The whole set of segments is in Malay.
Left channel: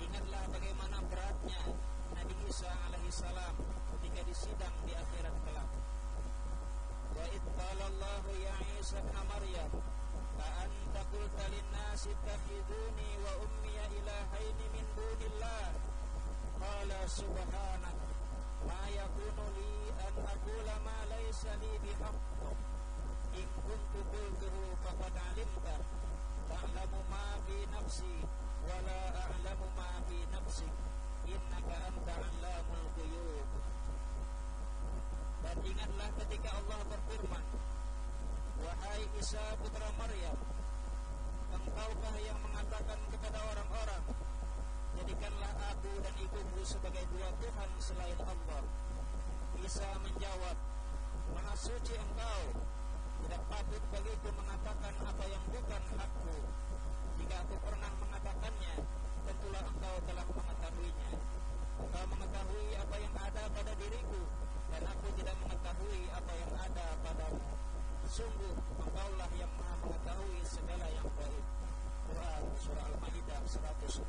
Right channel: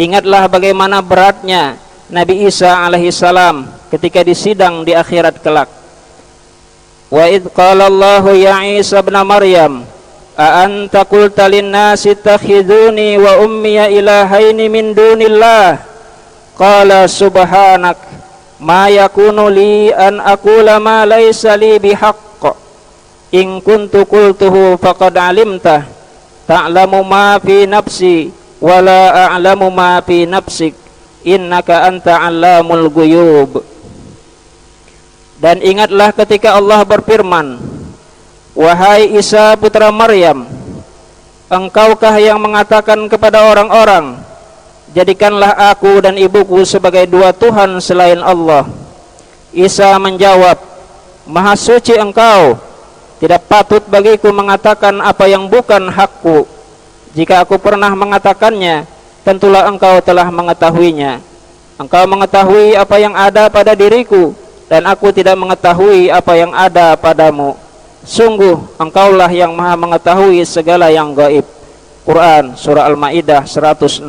Ingatlah bagaimana beratnya Nabi Isa alaihissalam ketika disidang di akhirat kelak. Wa idh qala Allahu ya Isa ibn Maryam a anta qulta lin-nasi ittakhiduni wa ummiya ilahaini min dunillah qala subhanak ma yakunu li an aqula ma laysa li bihaqq in kuntu qultuhu faqad alimtah ta'lamu ma fi nafsi wa la a'lamu ma fi nafsik innaka anta 'allamul ghuyub. Dan ingatlah ketika Allah berfirman, wahai Isa putra Maryam, engkaukah yang mengatakan kepada orang-orang, jadikanlah aku dan ibuku sebagai dua Tuhan selain Allah. Isa menjawab, maha suci engkau, tidak patut bagiku mengatakan apa yang bukan hakku. Jika aku pernah mengatakannya, tentulah engkau telah mengetahuinya. Engkau mengetahui apa yang ada pada diriku, dan aku tidak mengetahui apa yang ada padamu. Sungguh engkaulah yang maha mengetahui segala yang gaib. Quran surah Al-Maidah 116.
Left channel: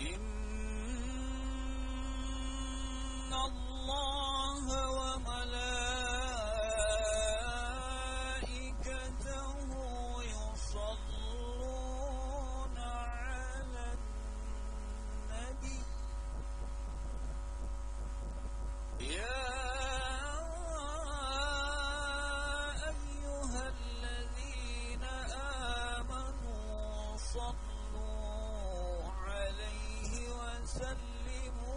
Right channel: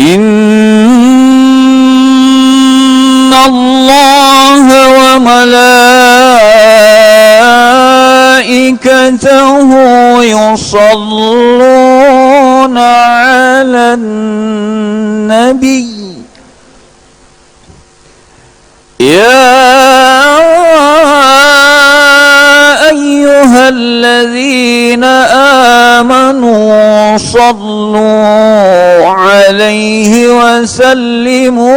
Inna Allah wa malaikatahu yusalluna 'alan nabiy ya ayyuhalladzina amanu sallu 'alaihi wa sallimu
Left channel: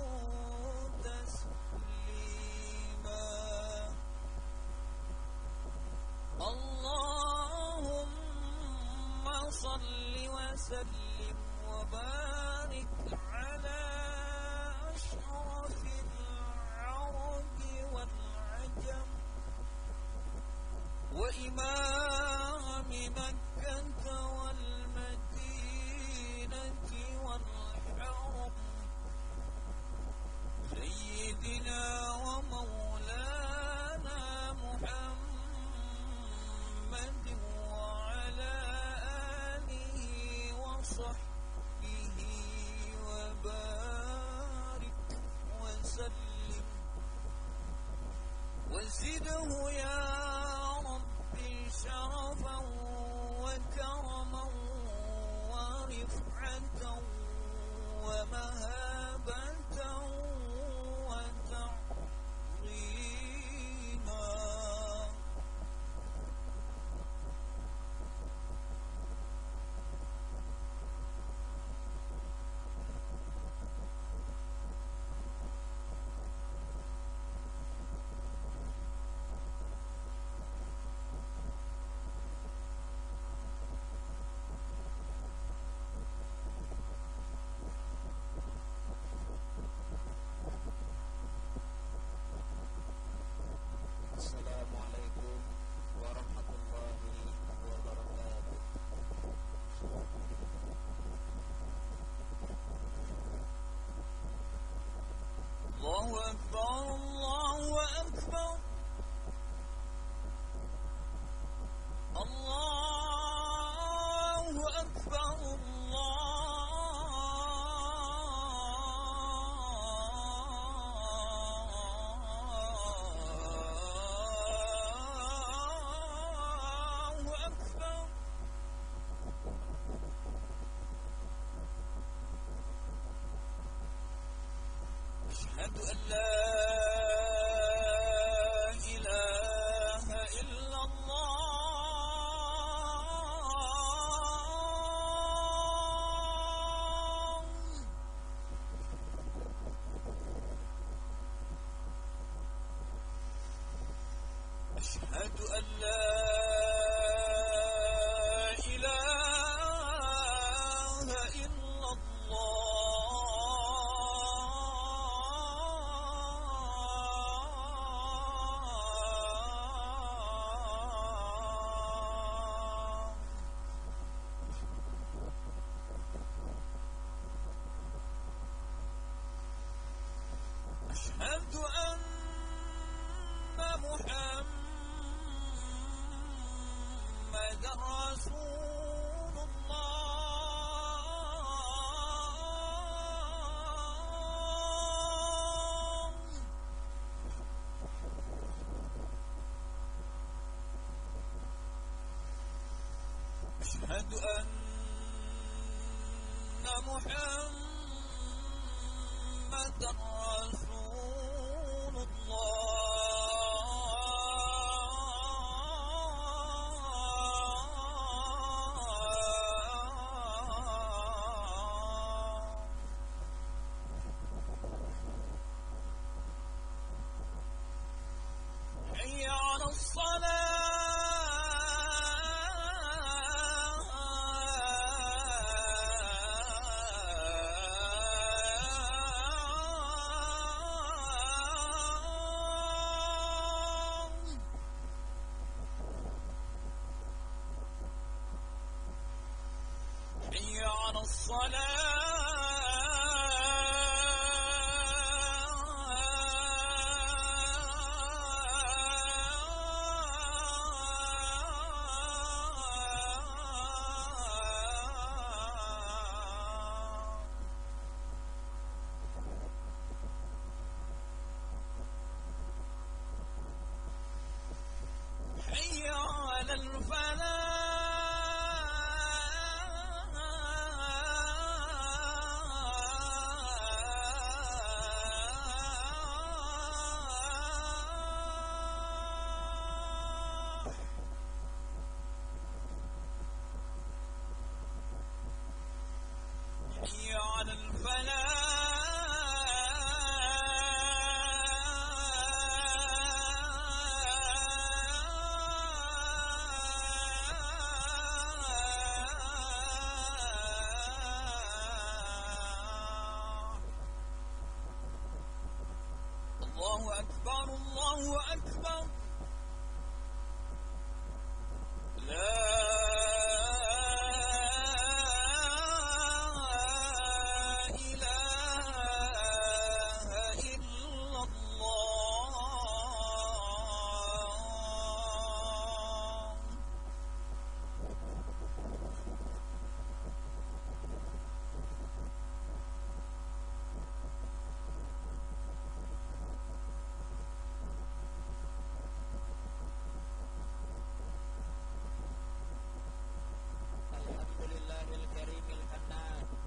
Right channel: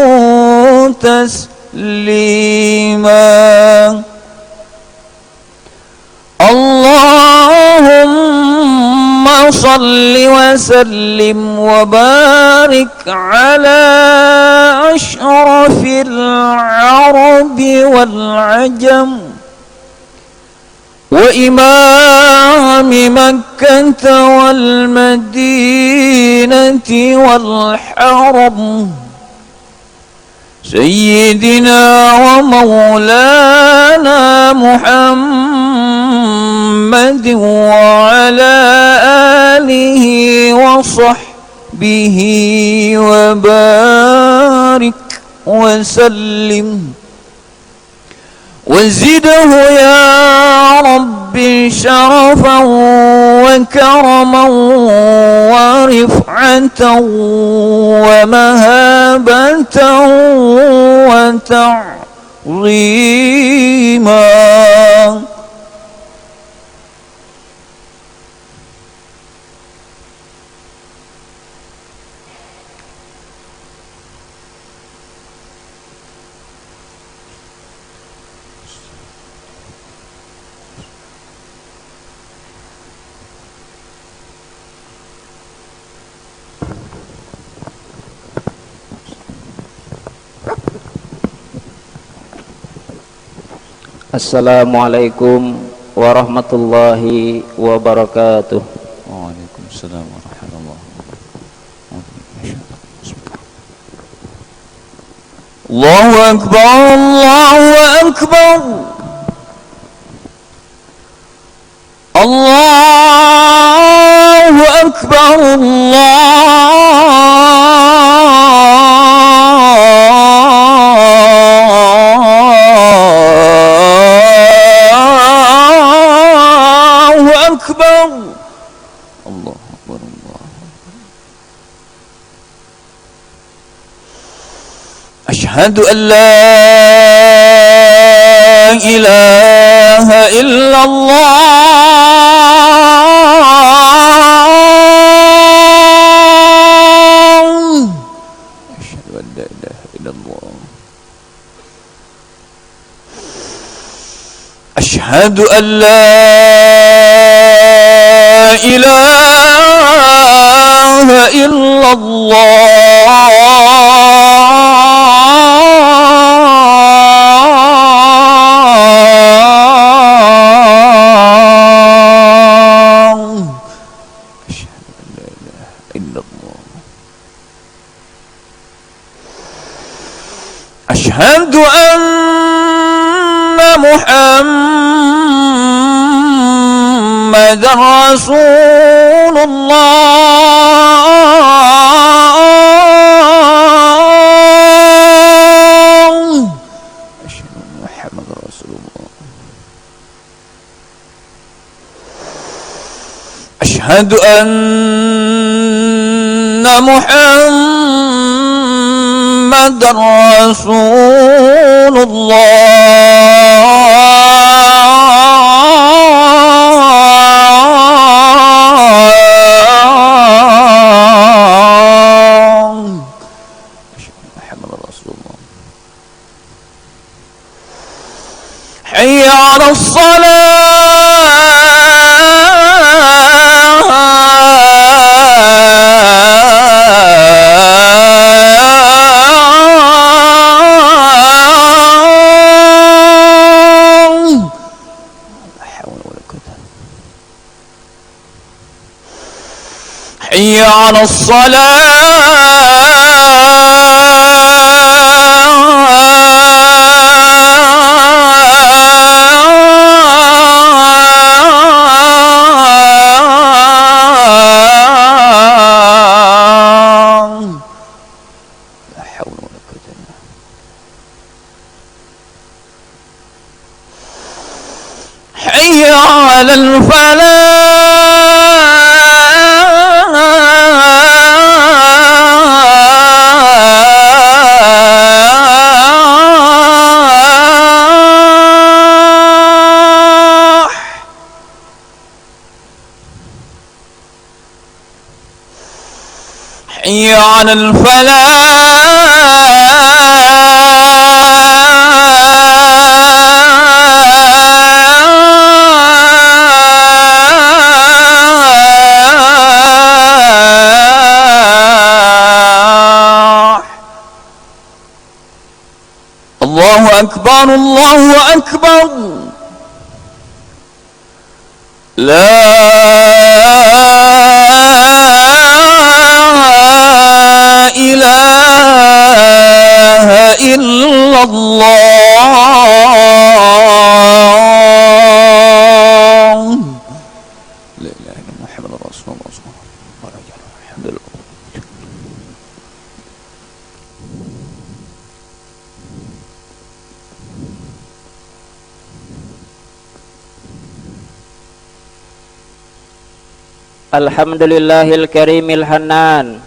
taslima. Allahumma salli wa sallim wa barik ala ashrafil arabi wal ajam wa imami Makkah wal Madinati wal haram Sayyidina wa maulana Muhammad wa ala alihi wa sahbihi wa barik wa sallim وزده يا ربي شرفا وكرما ورفعة ومهابة وتعظيما. Assalamualaikum warahmatullahi wabarakatuh. Waalaikumsalam warahmatullahi wabarakatuh. Allahu akbar, Allahu akbar. Allahu akbar, أشهد أن لا إله إلا الله أشهد أن لا إله إلا الله أشهد أن لا إله إلا الله أشهد أن محمد رسول الله أشهد أن محمد رسول الله أشهد أن محمد رسول الله محمد رسول الله حي على حي على الصلاة لا حول ولا قوة إلا بالله حي على الفلاح حي على الفلاح الله أكبر الله أكبر لا إله إلا الله لا إله إلا محمد رسول الله صلى الله عليه وسلم الحمد لله Alhamdulillahil karimil hanan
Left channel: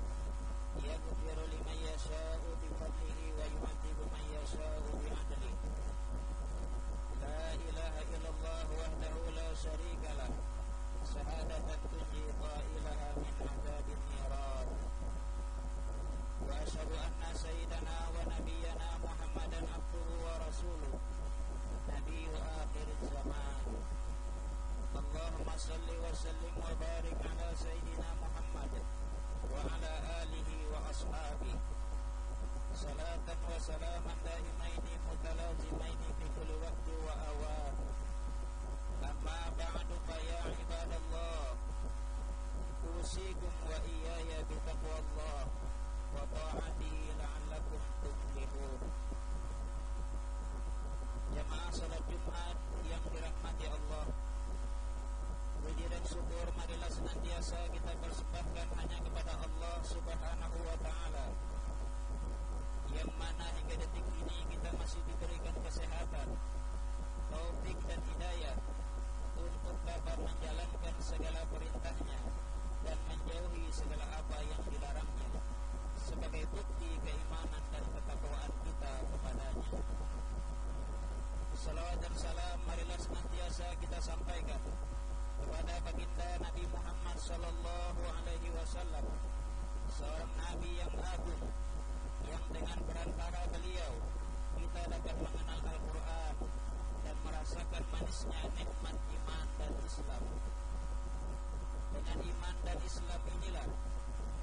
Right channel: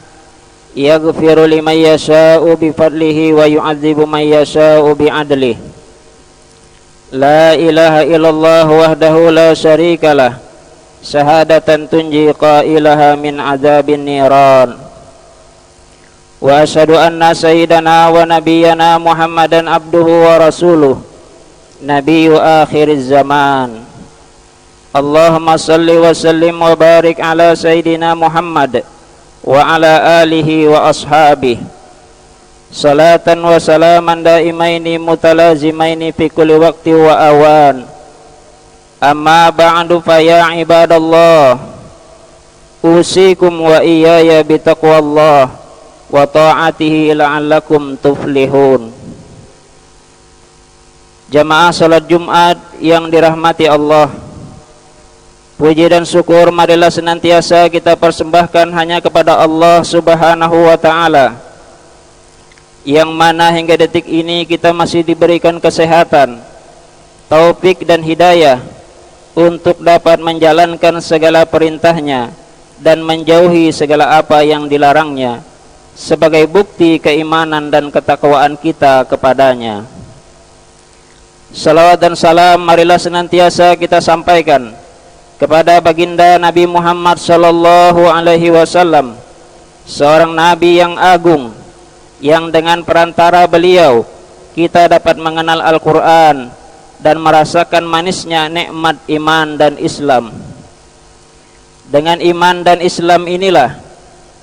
yaghfiru liman yasha'u bifadlihi wa yu'adzibu man yasha'u bi'adlihi. La ilaha illallah wahdahu la syarikalah syahadatan tunji qailaha min adzabin niran. Wa asyhadu anna sayyidana wa nabiyyana Muhammadan abduhu wa rasuluh nabiyyu akhiriz zaman. Allahumma salli wa sallim wa barik ala sayyidina Muhammad wa ala alihi wa ashabihi salatan wa salaman daimaini mutalazimaini fi kulli waqti wa awan. Amma ba'du fa ya ibadallah usikum wa iyaya bitaqwallah wa ta'atihi la'allakum tuflihun. Jamaah salat Jumat yang dirahmati Allah, puji dan syukur marilah senantiasa kita persembahkan hanya kepada Allah Subhanahu wa ta'ala, yang mana hingga detik ini kita masih diberikan kesehatan, taufik dan hidayah untuk dapat menjalankan segala perintahnya dan menjauhi segala apa yang dilarangnya, sebagai bukti keimanan dan ketakwaan kita kepadanya. Salawat dan salam marilah senantiasa kita sampaikan kepada baginda Nabi Muhammad sallallahu alaihi wasallam, seorang nabi yang agung, yang dengan perantara beliau kita dapat mengenal Al-Qur'an dan merasakan manisnya nikmat iman dan Islam. Dengan iman dan Islam inilah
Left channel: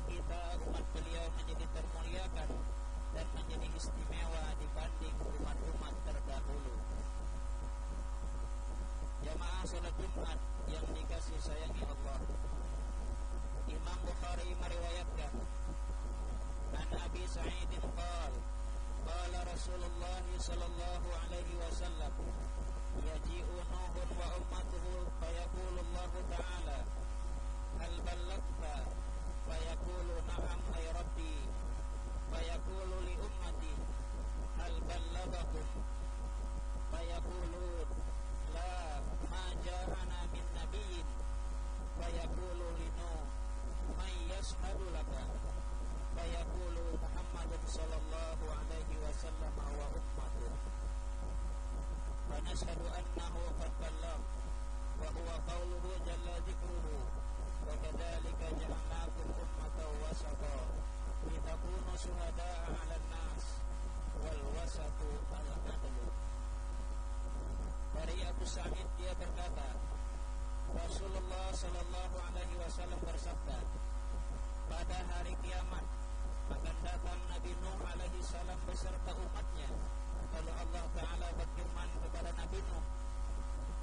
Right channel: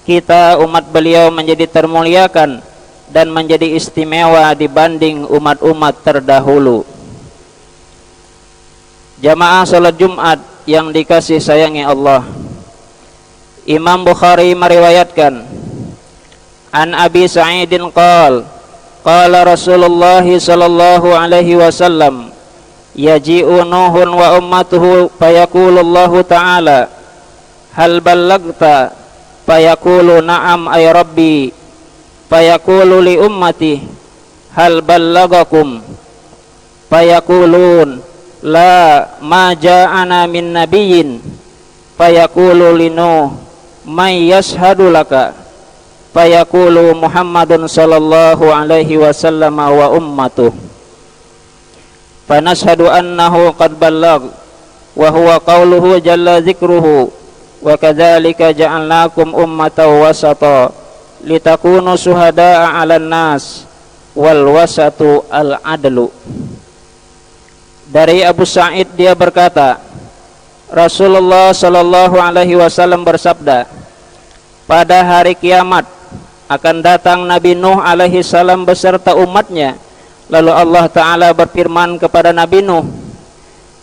kita umat beliau menjadi termuliakan dan menjadi istimewa dibanding umat-umat terdahulu. Jamaah salat Jumat yang dikasih sayangi Allah, Imam Bukhari meriwayatkan an Abi Sa'idin qala Rasulullah sallallahu alaihi wasallam yaji'u Nuhun wa ummatuhu fayaqulullahu ta'ala hal ballagta fayaqulu na'am ay rabbi fayaqulu li ummati hal ballagakum fayaqulun la ma ja'ana min nabiyyin fayaqulu li Nuh may yashhadu laka fayaqulu Muhammadun sallallahu alaihi wasallam wa ummatuh fanashhadu annahu qad ballag wa huwa qauluhu jalla dzikruhu wa kadzalika ja'alnakum ummatan wasata litakunu syuhada'a 'alan nas wal wasatu al adlu. Dari Abu Sa'id dia berkata, Rasulullah sallallahu alaihi wasallam bersabda, pada hari kiamat akan datang Nabi Nuh alaihi salam beserta umatnya. Lalu Allah Ta'ala berfirman kepada Nabi Nuh,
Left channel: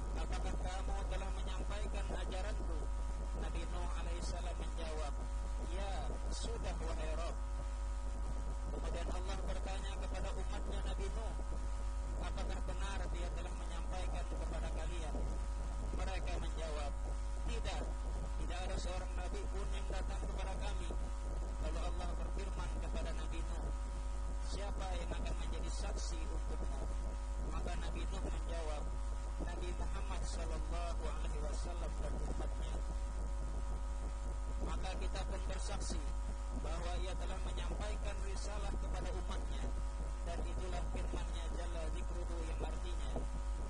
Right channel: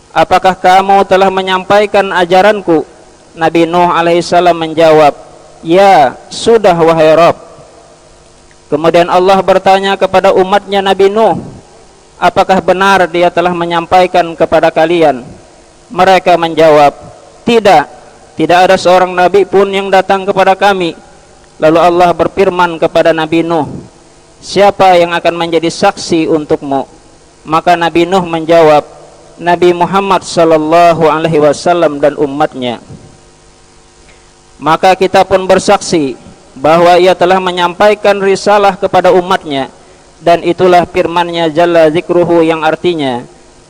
apakah kamu telah menyampaikan ajaranku? Nabi Nuh alaihissalam menjawab, ya sudah wahai Rabb. Kemudian Allah bertanya kepada umatnya Nabi Nuh, apakah benar dia telah menyampaikan kepada kalian? Mereka menjawab, tidak ada seorang nabi pun yang datang kepada kami. Lalu Allah berfirman kepada Nabi Nuh, siapa yang akan menjadi saksi untukmu? Maka Nabi Nuh menjawab, Nabi Muhammad sallallahu alaihi wasallam dan umatnya. Maka kita pun bersaksi bahwa ia telah menyampaikan risalah kepada umatnya, dan itulah firman-Nya jalla dzikruhu yang artinya,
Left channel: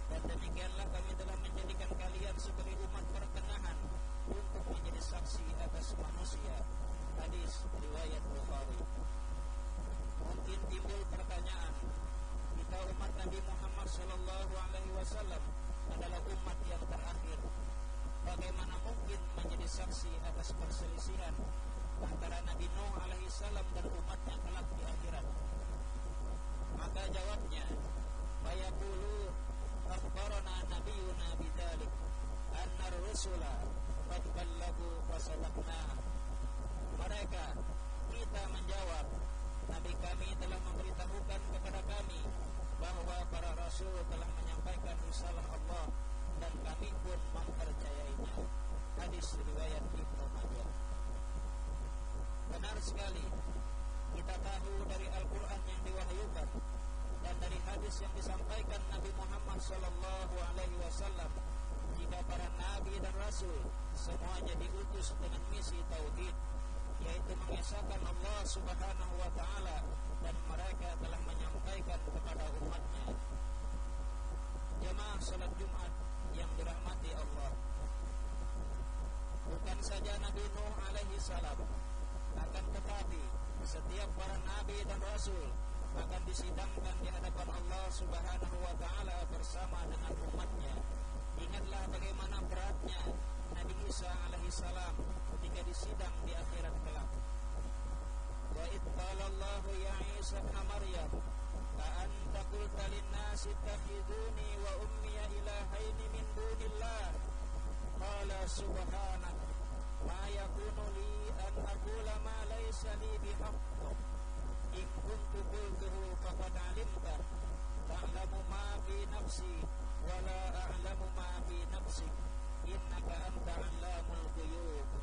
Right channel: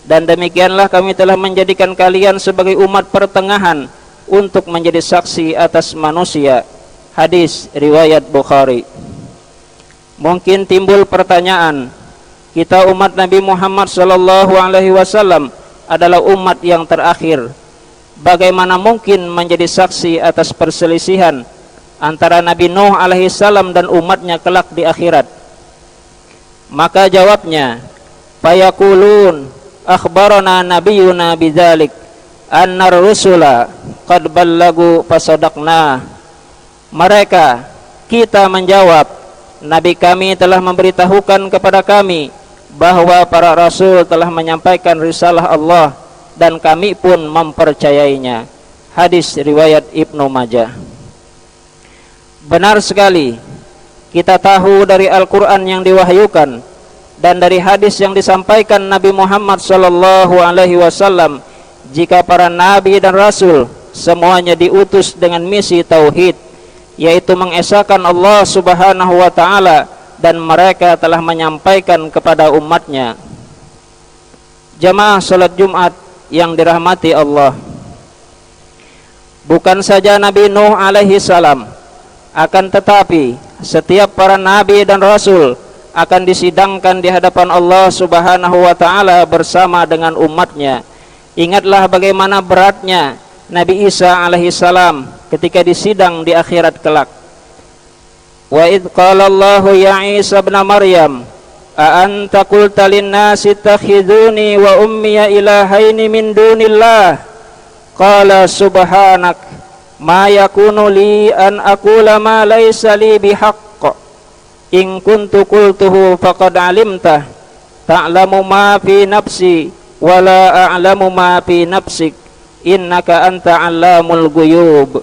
dan demikianlah kami telah menjadikan kalian sebagai umat pertengahan untuk menjadi saksi atas manusia. Hadis riwayat Bukhari. Mungkin timbul pertanyaan, kita umat Nabi Muhammad sallallahu alaihi wasallam adalah umat yang terakhir. Bagaimana mungkin menjadi saksi atas perselisihan antara Nabi Nuh alaihi salam dan umatnya kelak di akhirat? Maka jawabnya, fayaqulun akhbarana nabiyyuna bidzalik annar rusula qad ballagu fasadaqna. Mereka, kita menjawab, Nabi kami telah memberitahukan kepada kami bahwa para rasul telah menyampaikan risalah Allah, dan kami pun mempercayainya. Hadis riwayat Ibnu Majah. Benar sekali, kita tahu dari Al-Quran yang diwahyukan dan dari hadis yang disampaikan Nabi Muhammad sallallahu alaihi wasallam, jika para nabi dan rasul semuanya diutus dengan misi tauhid, yaitu mengesahkan Allah subhanahu wa ta'ala, dan mereka telah menyampaikan kepada umatnya. Jamaah salat Jumat yang dirahmati Allah, bukan saja Nabi Nuh alaihi salam, akan tetapi setiap para nabi dan rasul akan disidangkan di hadapan Allah subhanahu wa ta'ala bersama dengan umatnya. Ingatlah bagaimana beratnya Nabi Isa alaihi salam ketika disidang di akhirat kelak. Wa idh qala Allahu ya Isa ibn Maryam a anta qulta lin-nasi ittakhiduni wa ummiya ilahaini min dunillah qala subhanak ma yakunu li an aqula ma laysa li bihaqq in kuntu qultuhu faqad alimta ta'lamu ma fi nafsi wa la a'lamu ma fi nafsik innaka anta 'allamul ghuyub.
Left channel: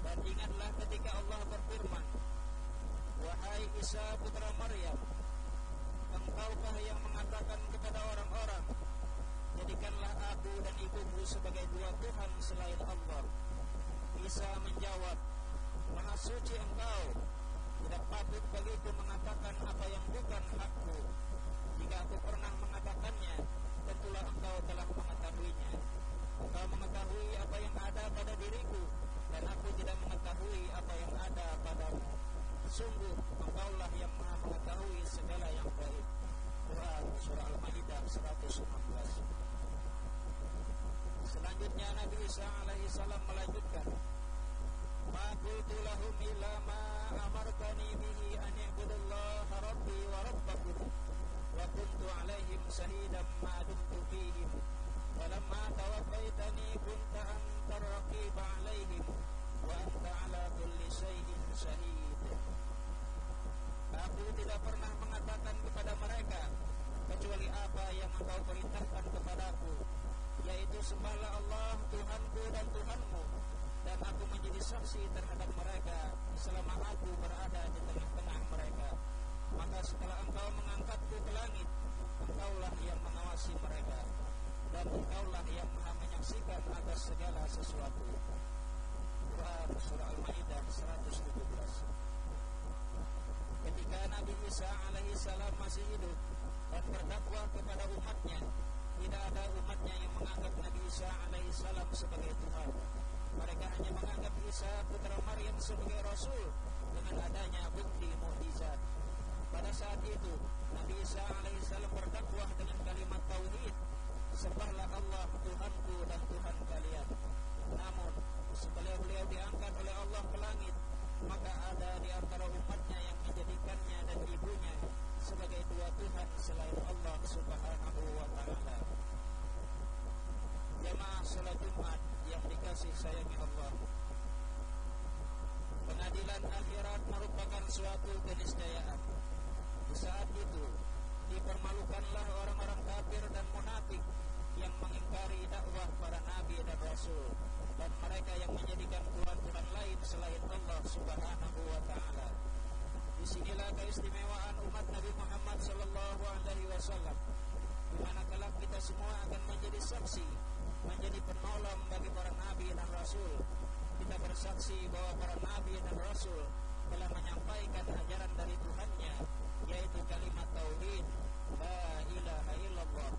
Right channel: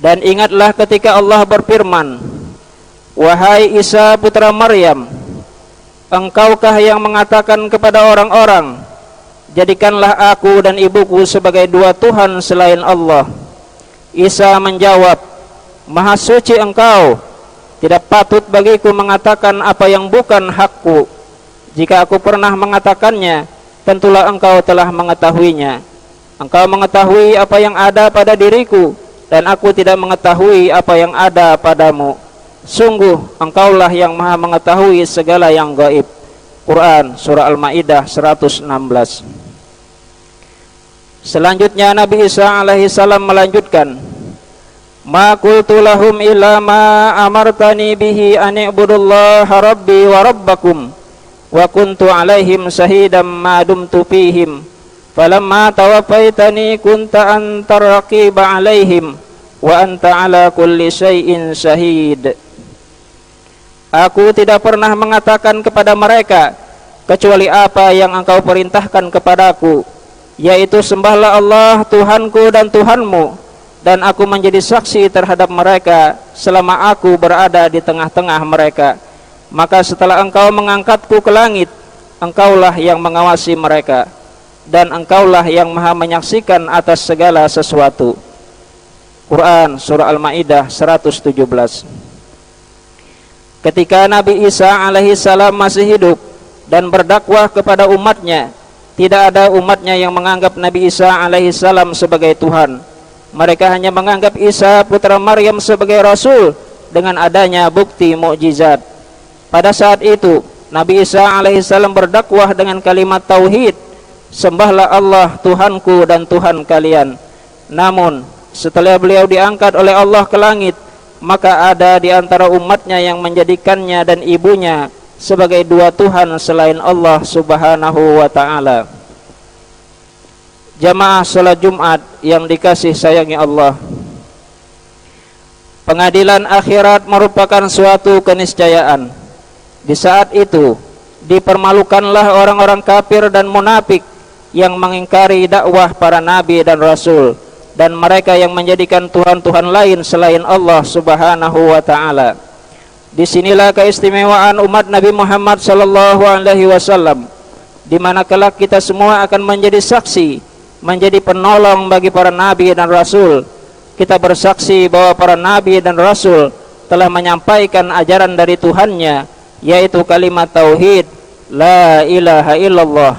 Dan ingatlah ketika Allah berfirman, wahai Isa putra Maryam, engkaukah yang mengatakan kepada orang-orang, jadikanlah aku dan ibuku sebagai dua Tuhan selain Allah? Isa menjawab, Maha suci engkau, tidak patut bagiku mengatakan apa yang bukan hakku. Jika aku pernah mengatakannya, tentulah engkau telah mengetahuinya. Engkau mengetahui apa yang ada pada diriku, dan aku tidak mengetahui apa yang ada padamu. Sungguh engkaulah yang maha mengetahui segala yang gaib. Quran surah Al-Maidah 116. Selanjutnya Nabi Isa alaihi salam melanjutkan, ma qultu lahum illa ma amartani bihi an i'budullaha rabbi wa rabbakum wa kuntu alaihim shahidan ma dumtu fihim falamma tawaffaitani kunta antar raqiba alaihim wa anta ala kulli syai'in syahid. Aku tidak pernah mengatakan kepada mereka, kecuali apa yang engkau perintahkan kepadaku, yaitu sembahlah Allah Tuhanku dan Tuhanmu, dan aku menjadi saksi terhadap mereka selama aku berada di tengah-tengah mereka. Maka setelah engkau mengangkatku ke langit, engkaulah yang mengawasi mereka, dan engkaulah yang maha menyaksikan atas segala sesuatu. Quran Surah Al-Ma'idah 117. Ketika Nabi Isa alaihi salam masih hidup dan berdakwah kepada umatnya, tidak ada umatnya yang menganggap Nabi Isa alaihi salam sebagai Tuhan. Mereka hanya menganggap Isa putra Maryam sebagai Rasul dengan adanya bukti mukjizat. Pada saat itu Nabi Isa alaihi salam berdakwah dengan kalimat tauhid, sembahlah Allah Tuhanku dan Tuhan kalian. Namun setelah beliau diangkat oleh Allah ke langit, maka ada di antara umatnya yang menjadikannya dan ibunya sebagai dua Tuhan selain Allah subhanahu wa ta'ala. Jamaah salat Jumat yang dikasih sayangi Allah, pengadilan akhirat merupakan suatu keniscayaan. Di saat itu dipermalukanlah orang-orang kafir dan munafik yang mengingkari dakwah para nabi dan rasul, dan mereka yang menjadikan Tuhan-Tuhan lain selain Allah subhanahu wa ta'ala. Disinilah keistimewaan umat Nabi Muhammad sallallahu alaihi wasallam, di mana kelak kita semua akan menjadi saksi, menjadi penolong bagi para nabi dan rasul. Kita bersaksi bahwa para nabi dan rasul telah menyampaikan ajaran dari Tuhannya, yaitu kalimat tauhid, la ilaha illallah,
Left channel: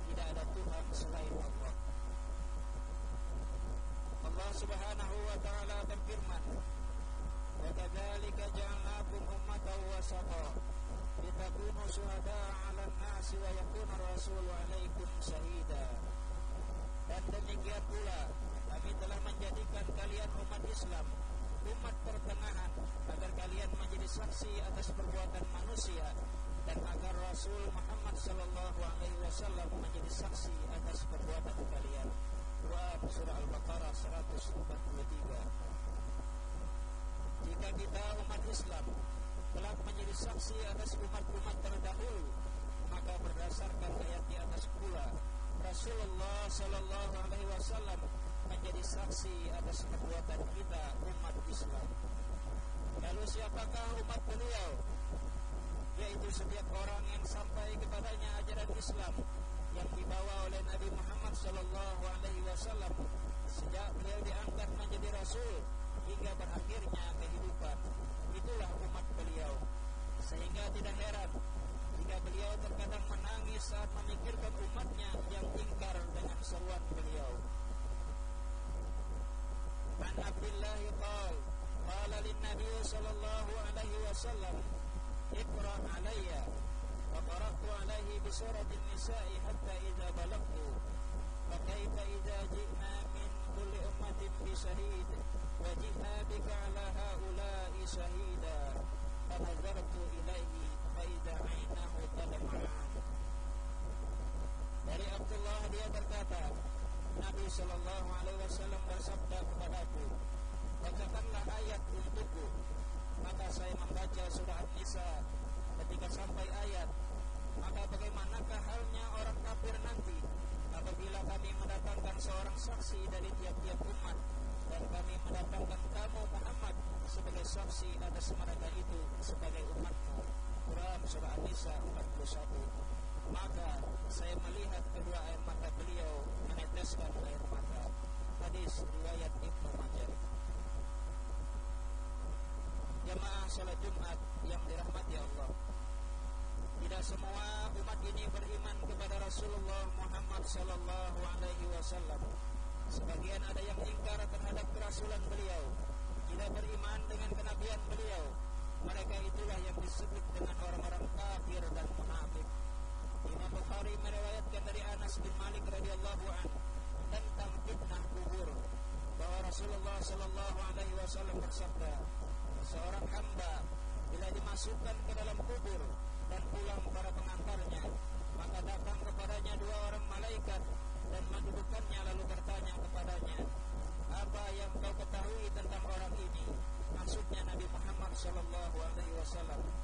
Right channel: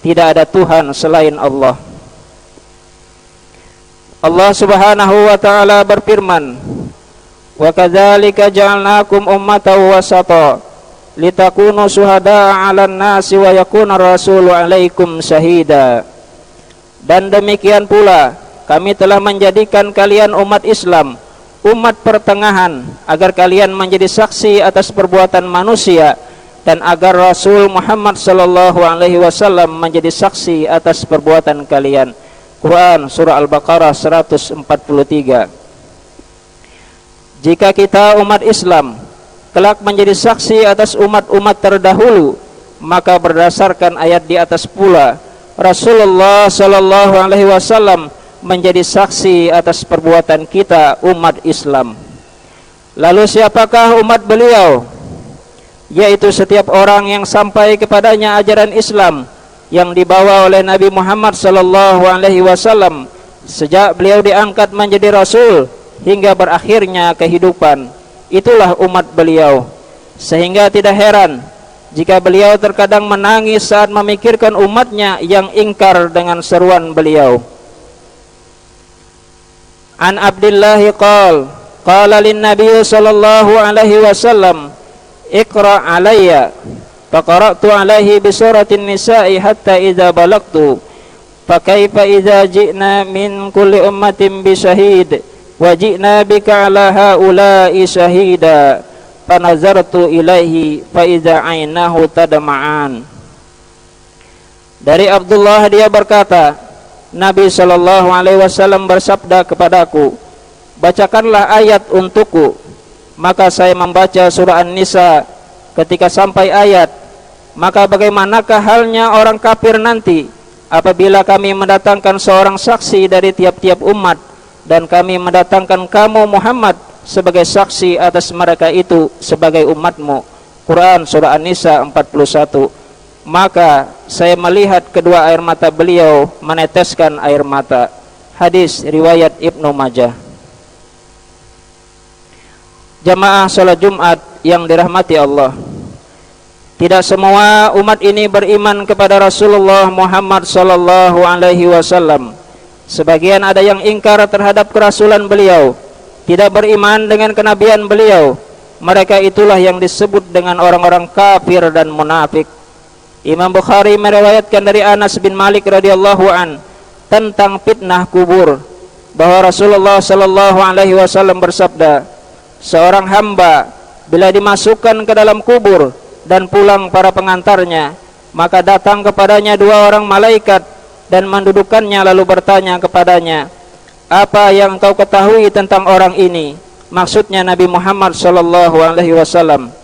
tidak ada Tuhan selain Allah. Allah subhanahu wa ta'ala berfirman, wa kadzalika ja'alnakum ummatan wasata litakunu syuhada'a 'alan nasi wa yakuna rasulu 'alaikum syahida. Dan demikian pula kami telah menjadikan kalian umat Islam, umat pertengahan, agar kalian menjadi saksi atas perbuatan manusia, dan agar Rasul Muhammad sallallahu alaihi wasallam menjadi saksi atas perbuatan kalian. Quran Surah Al-Baqarah 143. Jika kita umat Islam kelak menjadi saksi atas umat-umat terdahulu, maka berdasarkan ayat di atas pula Rasulullah sallallahu alaihi wasallam menjadi saksi atas perbuatan kita umat Islam. Lalu siapakah umat beliau? Yaitu setiap orang yang sampai kepadanya ajaran Islam yang dibawa oleh Nabi Muhammad sallallahu alaihi wasallam sejak beliau diangkat menjadi rasul hingga berakhirnya kehidupan. Itulah umat beliau. Sehingga tidak heran jika beliau terkadang menangis saat memikirkan umatnya yang ingkar dengan seruan beliau. An Abdullah qala lin Nabi sallallahu alaihi wasallam, iqra alayya. Faqara'tu alaihi bi suratin nisa'i hatta idza balagtu fa kaifa idza ji'na min kulli ummatin bi syahid wa ji'na bika ala haula'i syahida. Fanazartu ilaihi fa idza 'ainahu tadma'an. Dari Abdullah dia berkata, Nabi sallallahu alaihi wasallam bersabda kepadaku, bacakanlah ayat untukku. Maka saya membaca surah An-Nisa. Ketika sampai ayat, maka bagaimanakah halnya orang kafir nanti apabila kami mendatangkan seorang saksi dari tiap-tiap umat, dan kami mendatangkan kamu Muhammad sebagai saksi atas mereka itu sebagai umatmu. Quran Surah An-Nisa 41. Maka saya melihat kedua air mata beliau meneteskan air mata. Hadis riwayat Ibnu Majah. Jamaah salat Jumat yang dirahmati Allah, tidak semua umat ini beriman kepada Rasulullah Muhammad sallallahu alaihi wasallam. Sebagian ada yang ingkar terhadap kerasulan beliau, tidak beriman dengan kenabian beliau. Mereka itulah yang disebut dengan orang-orang kafir dan munafik. Imam Bukhari meriwayatkan dari Anas bin Malik radhiyallahu an tentang fitnah kubur, bahwa Rasulullah sallallahu alaihi wasallam bersabda, seorang hamba bila dimasukkan ke dalam kubur dan pulang para pengantarnya, maka datang kepadanya dua orang malaikat dan mendudukkannya lalu bertanya kepadanya, apa yang engkau ketahui tentang orang ini? Maksudnya Nabi Muhammad sallallahu alaihi wasallam.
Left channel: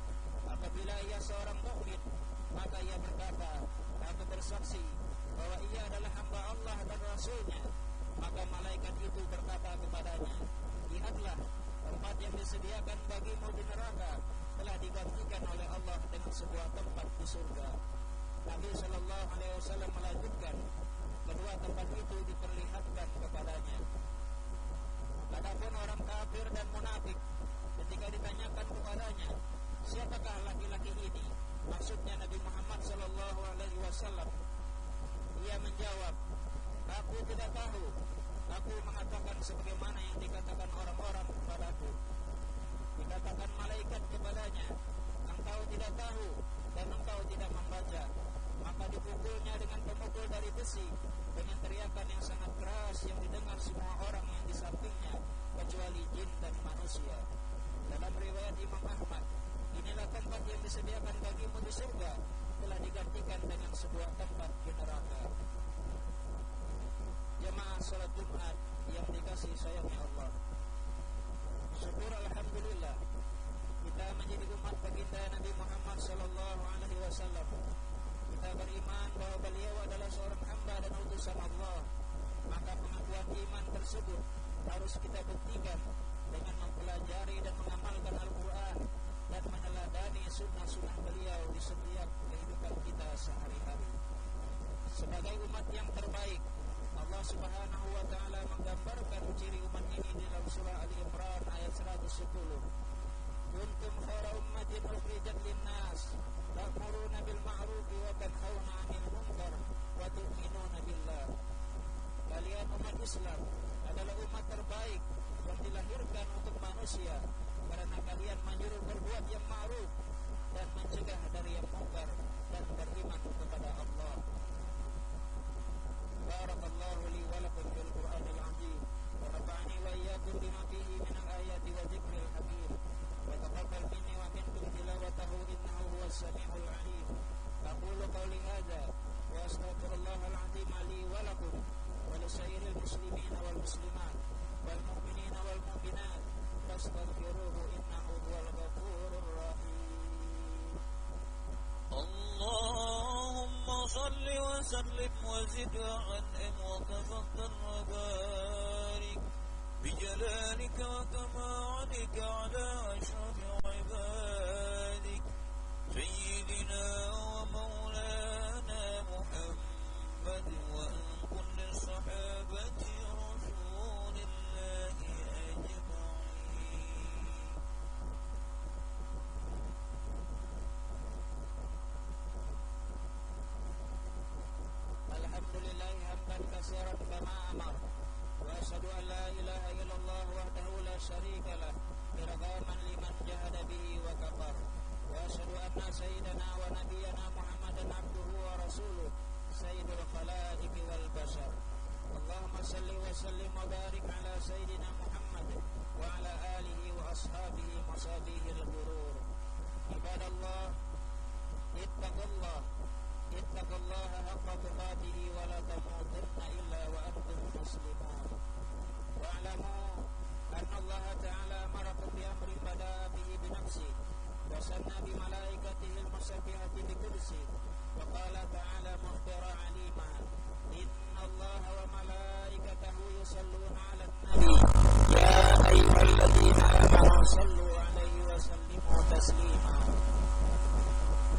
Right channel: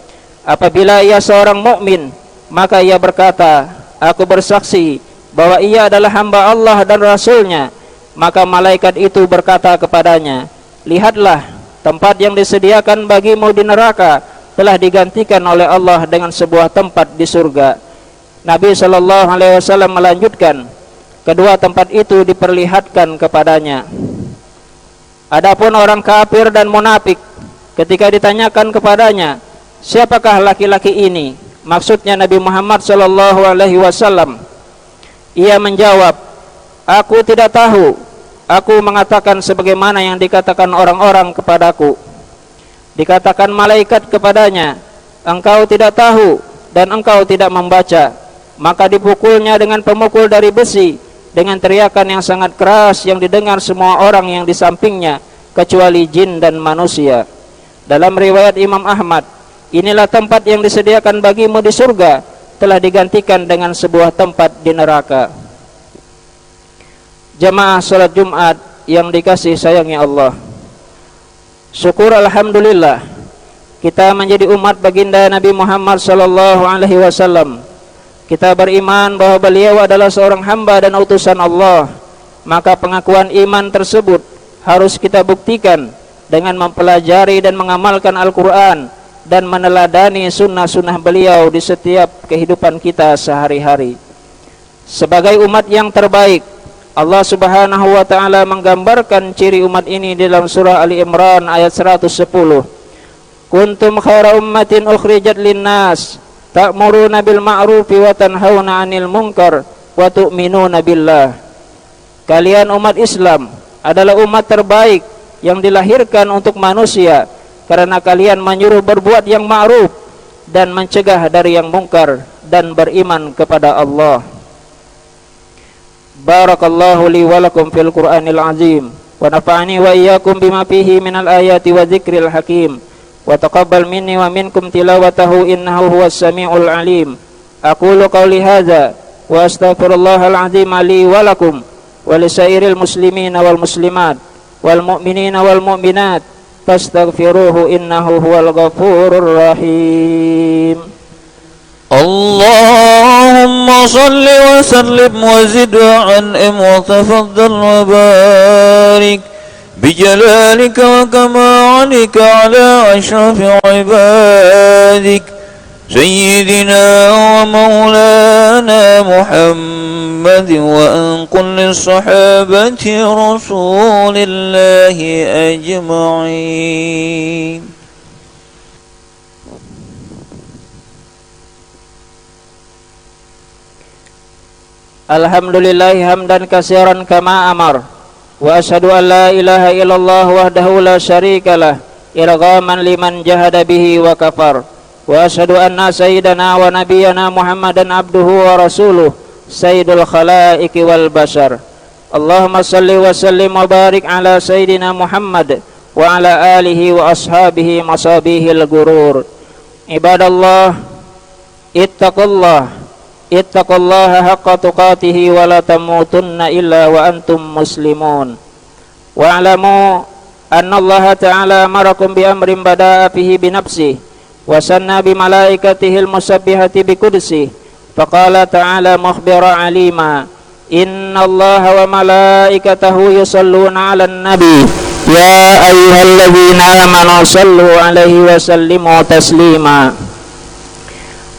Apabila ia seorang mukmin, Maka ia berkata, aku bersaksi bahwa ia adalah hamba Allah dan Rasulnya. Maka malaikat itu berkata kepadanya, lihatlah, tempat yang disediakan bagimu di neraka telah digantikan oleh Allah dengan sebuah tempat di surga. Nabi SAW melanjutkan, kedua tempat itu diperlihatkan kepadanya. Adapun orang kafir dan munafik, ketika ditanyakan kepadanya, siapakah laki-laki ini? Maksudnya Nabi Muhammad SAW. Ia menjawab, aku tidak tahu. Aku mengatakan sebagaimana yang dikatakan orang-orang kepadaku. Dikatakan malaikat kepadanya, engkau tidak tahu dan engkau tidak membaca. Maka dipukulnya dengan pemukul dari besi dengan teriakan yang sangat keras yang didengar semua orang yang di sampingnya kecuali jin dan manusia. Dalam riwayat Imam Ahmad, inilah tempat yang disediakan bagimu di surga telah digantikan dengan sebuah tempat di neraka. Jamaah salat Jumat yang dikasihi sayangi Allah, syukur alhamdulillah kita menjadi umat baginda Nabi Muhammad SAW. Kita beriman bahwa beliau adalah seorang hamba dan utusan Allah. Maka pengakuan iman tersebut harus kita buktikan dengan mempelajari dan mengamalkan Al-Quran dan meneladani sunnah-sunnah beliau di setiap kehidupan kita sehari-hari. Sebagai umat yang terbaik, Allah Subhanahu wa ta'ala menggambarkan ciri umat ini dalam surah Ali Imran ayat 110. Kuntum khaira ummatin ukhrijat linnas ta'muruna bil ma'rufi wa tanhauna 'anil munkar wa tu'minuna billah. Kalian umat Islam adalah umat terbaik yang dilahirkan untuk manusia karena kalian menyuruh berbuat yang ma'ruf dan mencegah dari yang mungkar dan beriman kepada Allah. Barakallahu li wa lakum fil Qur'anil azim wa nafa'ani wa iyyakum bima fihi minal ayati wa dzikril hakim wa taqabbal minni wa minkum tilawatahu innahu huwas samiul alim. Aqulu qawli hadza wa astaghfirullahal azim li wa lakum wa lisairil muslimina wal muslimat wal mu'minina wal mu'minat fastaghfiruhu innahu huwal ghafurur rahim. اللهم صل وسلم وزد وعنهم وتفضل وبارك بجلالك وكمالك على أشرف عبادك سيدنا ومولانا محمد وأن كل الصحابة رسول الله أجمعين. Alhamdulillah hamdan katsiran kama amar wa asyhadu an la ilaha illallah wahdahu la syarikalah irghaman liman jahada bihi wa kafar wa asyhadu anna sayyidana wa nabiyyana Muhammadan abduhu wa rasuluh sayyidul khalaiqi wal bashar. Allahumma salli wa sallim wa barik ala sayyidina Muhammad wa ala alihi wa ashabihi masabihil gurur. Ibadallah, ittaqullaha haqqa tuqatihi wa la tamutunna illa wa antum muslimun. Wa alamu anna Allah ta'ala amarakum bi amrin bada'a fihi bi nafsihi wa sanna bi malaikatihi al-musabbihati bi qudsihi. Faqala ta'ala mukhbira alima, inna Allah wa malaikatahu yusalluna 'alan nabi ya ayyuhalladzina amanu sallu 'alaihi wa sallimu taslima.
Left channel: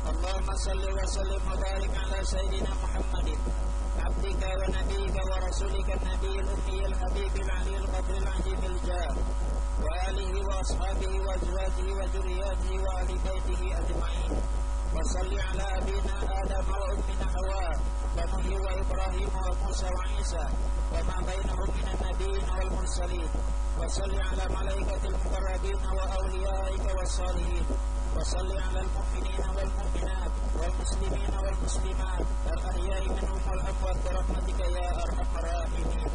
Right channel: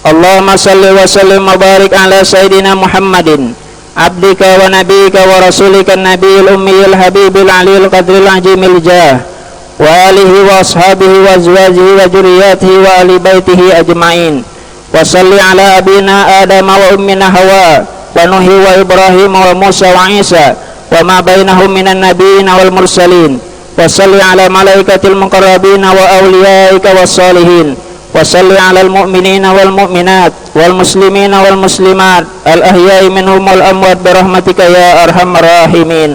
Allahumma salli wa sallim wa barik ala sayyidina Muhammadin abdika wa nabika wa rasulika nabiyil ummiyil habibil aliyil qadril ajimil jah wa alihi wa ashabihi wa azwajihi wa juriyatihi wa ali baitihi ajma'in. Wa salli ala abina Adam wa ummina Hawa wa Nuhi wa Ibrahim wa Musa wa Isa wa ma bainahum minan nabiyyin wal mursalin. Wa salli ala malaikatil muqarrabin wa awliyaika was salihin. Wa salli ala al-mu'minina wal mu'minat wal muslimina wal muslimat al-ahya'i minhum wal amwat birahmatika ya arhamar rahimin.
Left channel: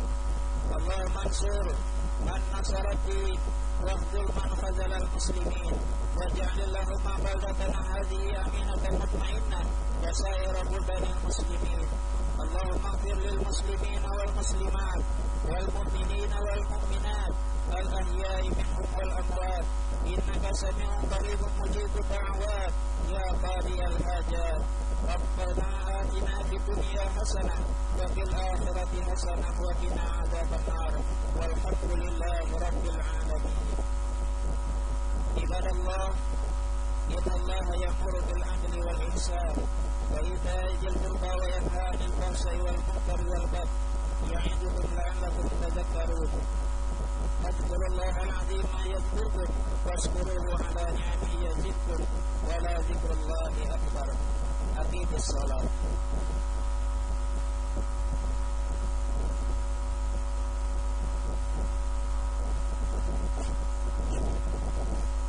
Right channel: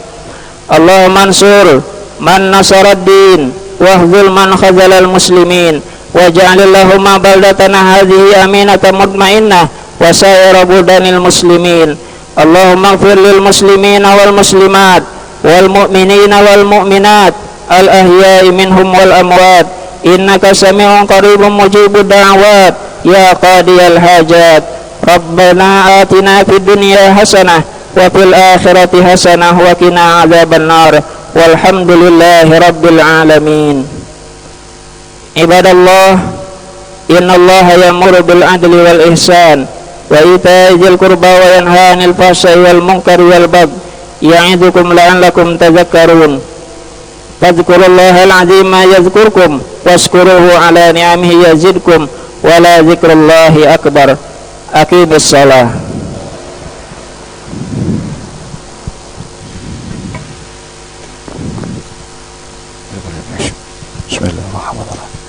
Allahumma ansur man nasarad din wahzul man khazalal muslimin waj'alillahumma baldatana hadhihi aminatan mutmainnah wa sa'ira buldanil muslimin. Allahumma ighfir lil muslimina wal muslimat wal mu'minina wal mu'minat al-ahya'i minhum wal amwat innaka sami'un qaribun mujibud da'awat ya qadiyal hajat. Rabbana atina fid dunya hasanah wa fil akhirati hasanah wa qina adzabannar. Walhamdulillahi rabbil alamin. Ibadallah, innallaha ya'muru bil adli wal ihsan wa ita'i dzil qurba wa yanha 'anil fahsya'i wal munkari wal baghi ya'idukum la'allakum tadhakkarun. Fadhkurullahal 'azima yadhkurkum washkuruhu 'ala ni'amihi yazidkum wa la dzikrullahi akbar. Aqimis shalah. Bismillahirrahmanirrahim.